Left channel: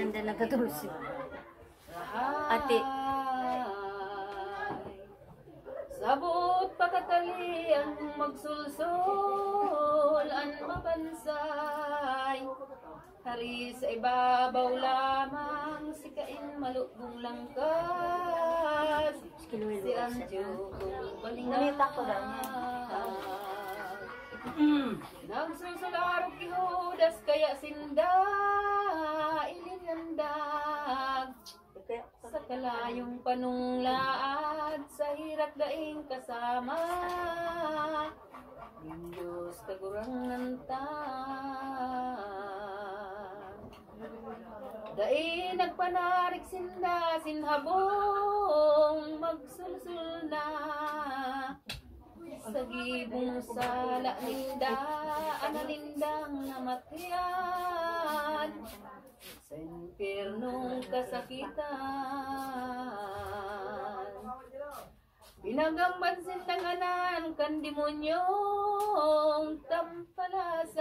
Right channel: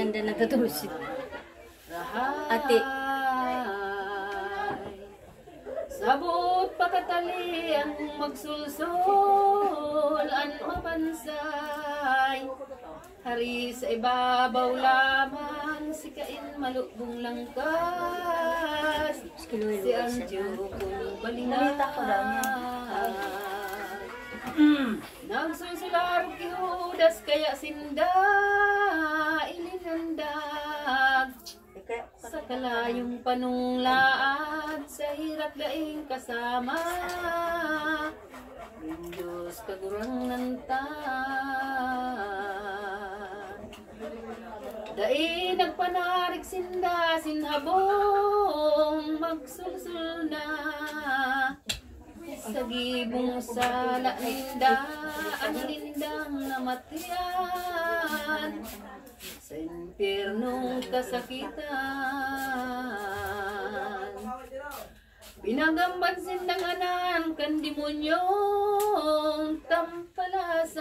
Ganda nagkatulog si ate. Sabot pakatali ang magsulsol ang mapansay. Hari sa ibabaw lamang si kain malubong langkas. Si Anjo kong balingan. Nagsusular kihudas kaya sinda ilinandag. Sa kalayong panunglaad sa hirap daing kasama. Diyos kagurang nantan. Dai nagpanarik sinda sinhabong magsulsul na. Sa gibong sala ninda ang lindang namatian. Sa impyernong kasakitan, binagamban sindang anan kan demonyong tampalasan.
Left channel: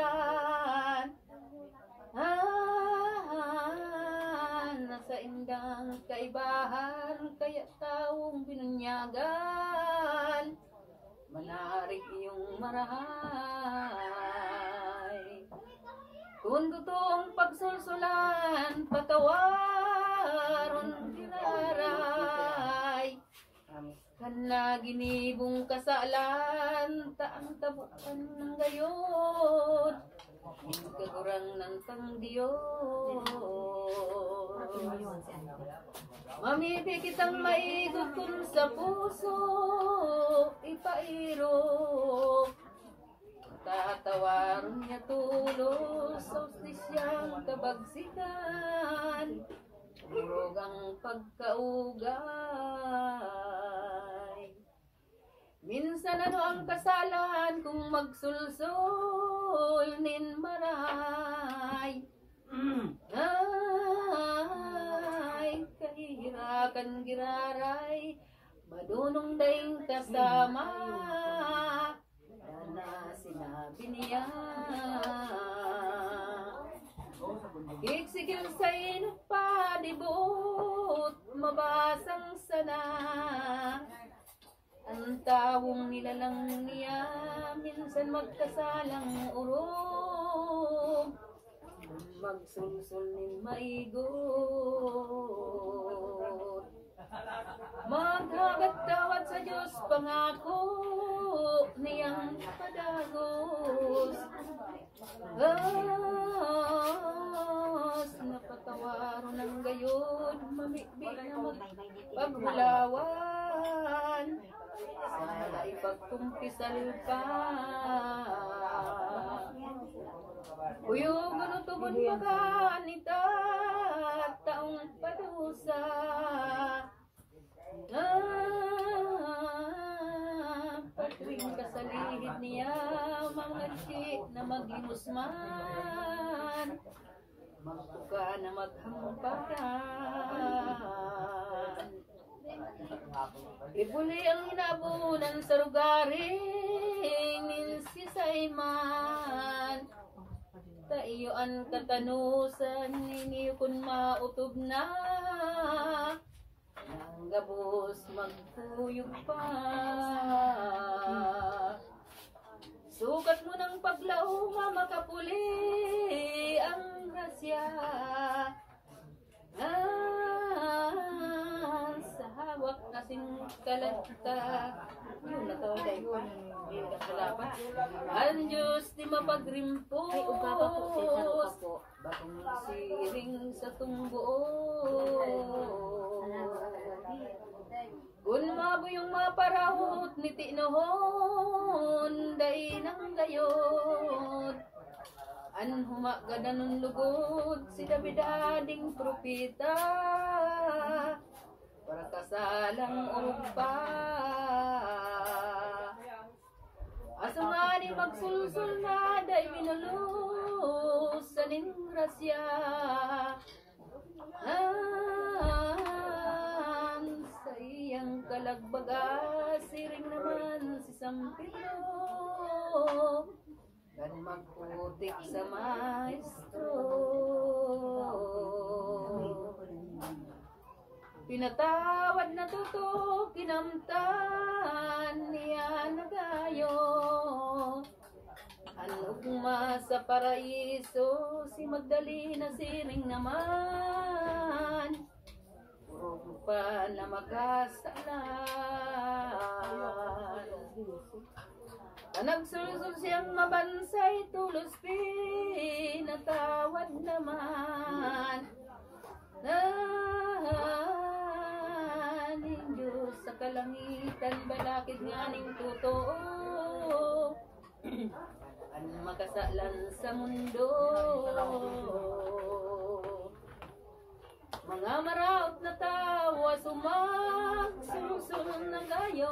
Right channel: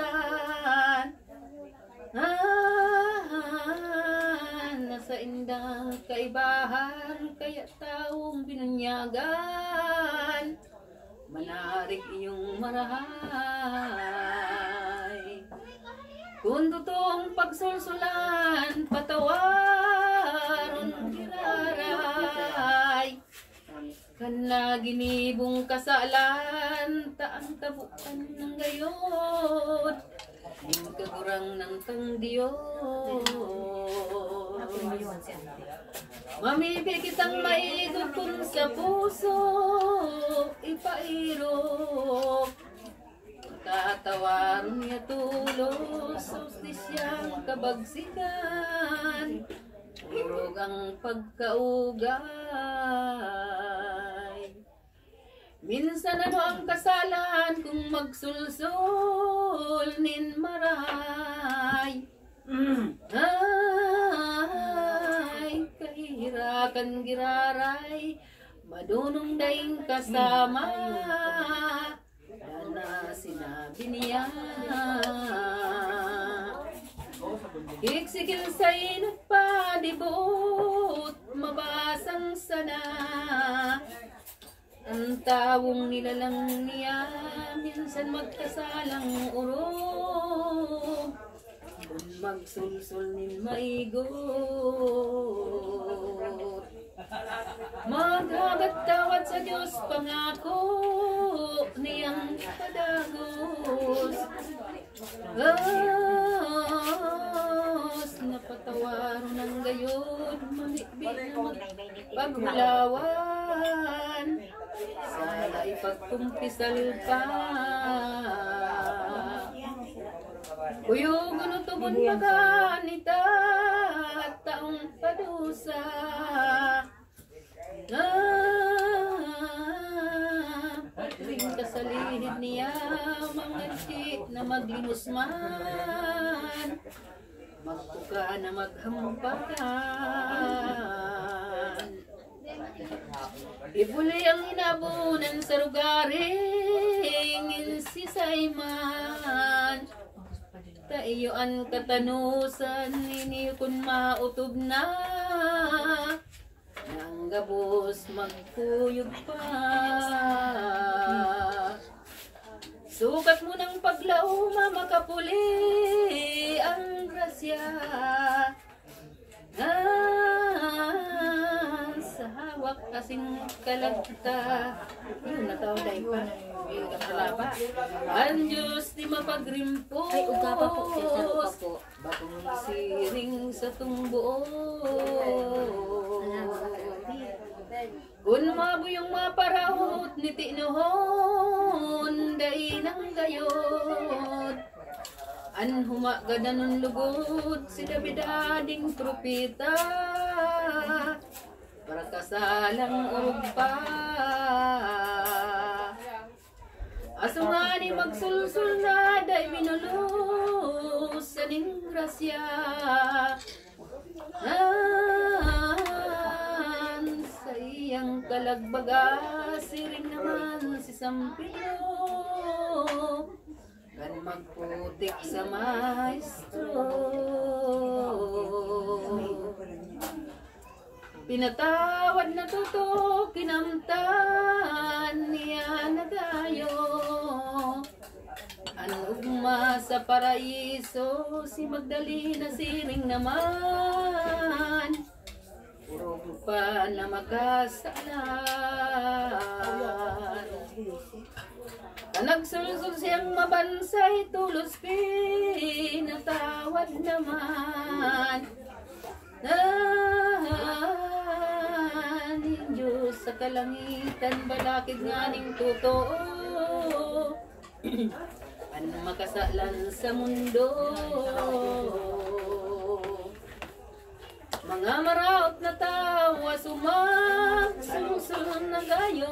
Nasa indang kaibahan kaya taong binunyagan. Manarik iyong marahay. Kung totoong pagsulsulan, patawaron giraray. Kana ginibong kasalan, taang tabukan ng gayon. Kagurang ng tang Diyos. Mamibi kitang maigot kung sa puso, ipairo. Katawaron niya tulos sa ustisyang kabagsikan. Urog ang pagkaugay. Minsan ano ang kasalan kung magsulsul nin maray. Ay, kahirakan giraray, madunong daing kasama. Na sinabi niya iksikil sa inupa dibot mabasang sana. Ang tawong nilalang niya minsan magkasalang urog. Magsulsul nin maigot. Maghagat tawad sa Diyos pangako niyang kadagos. Napatawaron ng gayon, mamikbik na magpaghulawan. Sana ipagkumpisal pa. Uyog ano tubon maganita taong padusa. Pagring kasalihid niya mga dik na maglimusman. Magbuka na maghampakan. Ibuli ang hinabunan sa rugaring insisayman. Taiyoan katanusan niniyo kun mautob na. Nang gabos magkuyog pa. Sukat mo ng paglauma makapuli ang grasya. Sa hawak kasing kalagta. Yun nataw dahi pa. Katalapa. Ang Diyos di mapagrimpos. Ay, ugapa po. Bagong siring sa tumbo. Kung mabuyong maparahot ni tinuhon, day nang gayod. An humagadan ng lugod, si Davidading propeta. Para kasalang urog pa. Aso nga ni magsulsul na, day minulus sa ning grasya. Sa iyang kalagbaga, siring naman si Sampilo. Kan magputik sa maestro. Pinatawad na tuto, kinamtan niya na dayo. Anugma sa paraiso, si Magdalena siring naman. Puro pa na makasalan. Nagsulsul siyang mabansay, tulos pinatawad naman. Ni Diyos sa kalangitan, balakid nga ning totoo. An makasalan sa mundo. Mga maraot na tawa, sumaksusun na gayo.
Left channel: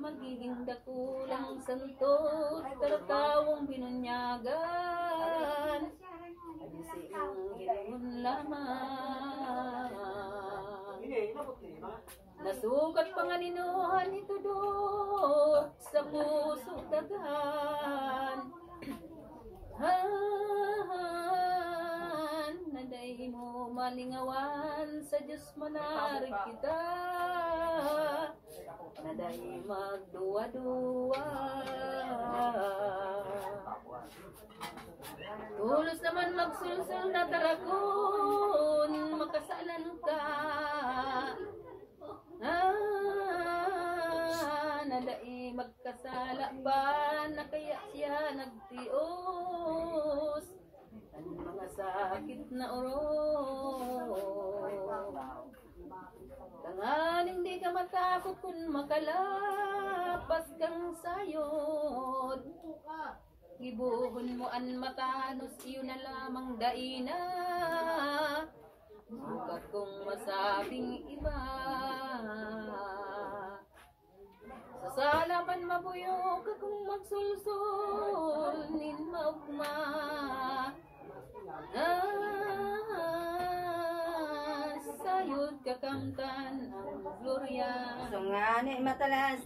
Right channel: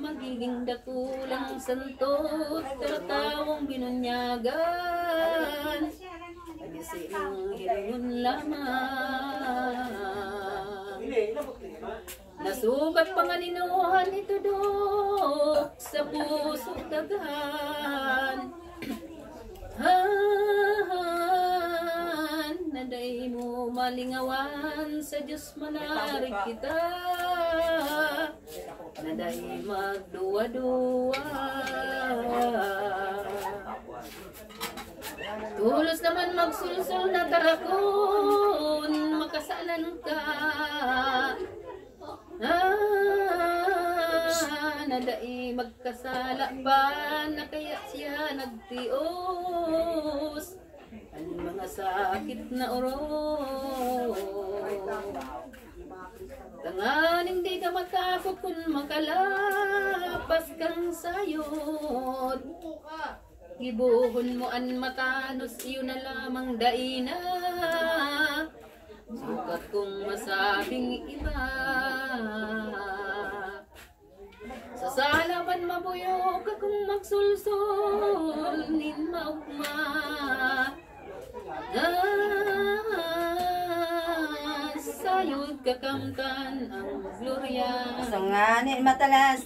Magiging dakulang santot, taratawang binunyagan. Pagisinong hilingon lamang. Nasugat panganinuhan ito dok sa puso dagan. Naday mo malingawan, sa Diyos manarig kita. Naday magduwa-duwa. Tulos naman magsulsul na tarakon, makasalan ka. Naday magkasala pa, na kaya siya nagtios. Ang mga sakit na oro. Tanganing di ka matakot kung makalapas kang sayod. Gibuhon mo an matanos, iyo na lamang daina. Sukat kong masabing iba. Sa salaman mabuyo ka kung magsulsul, nin maugma. Sayod kakamtan ang glorya. Sanganin matalas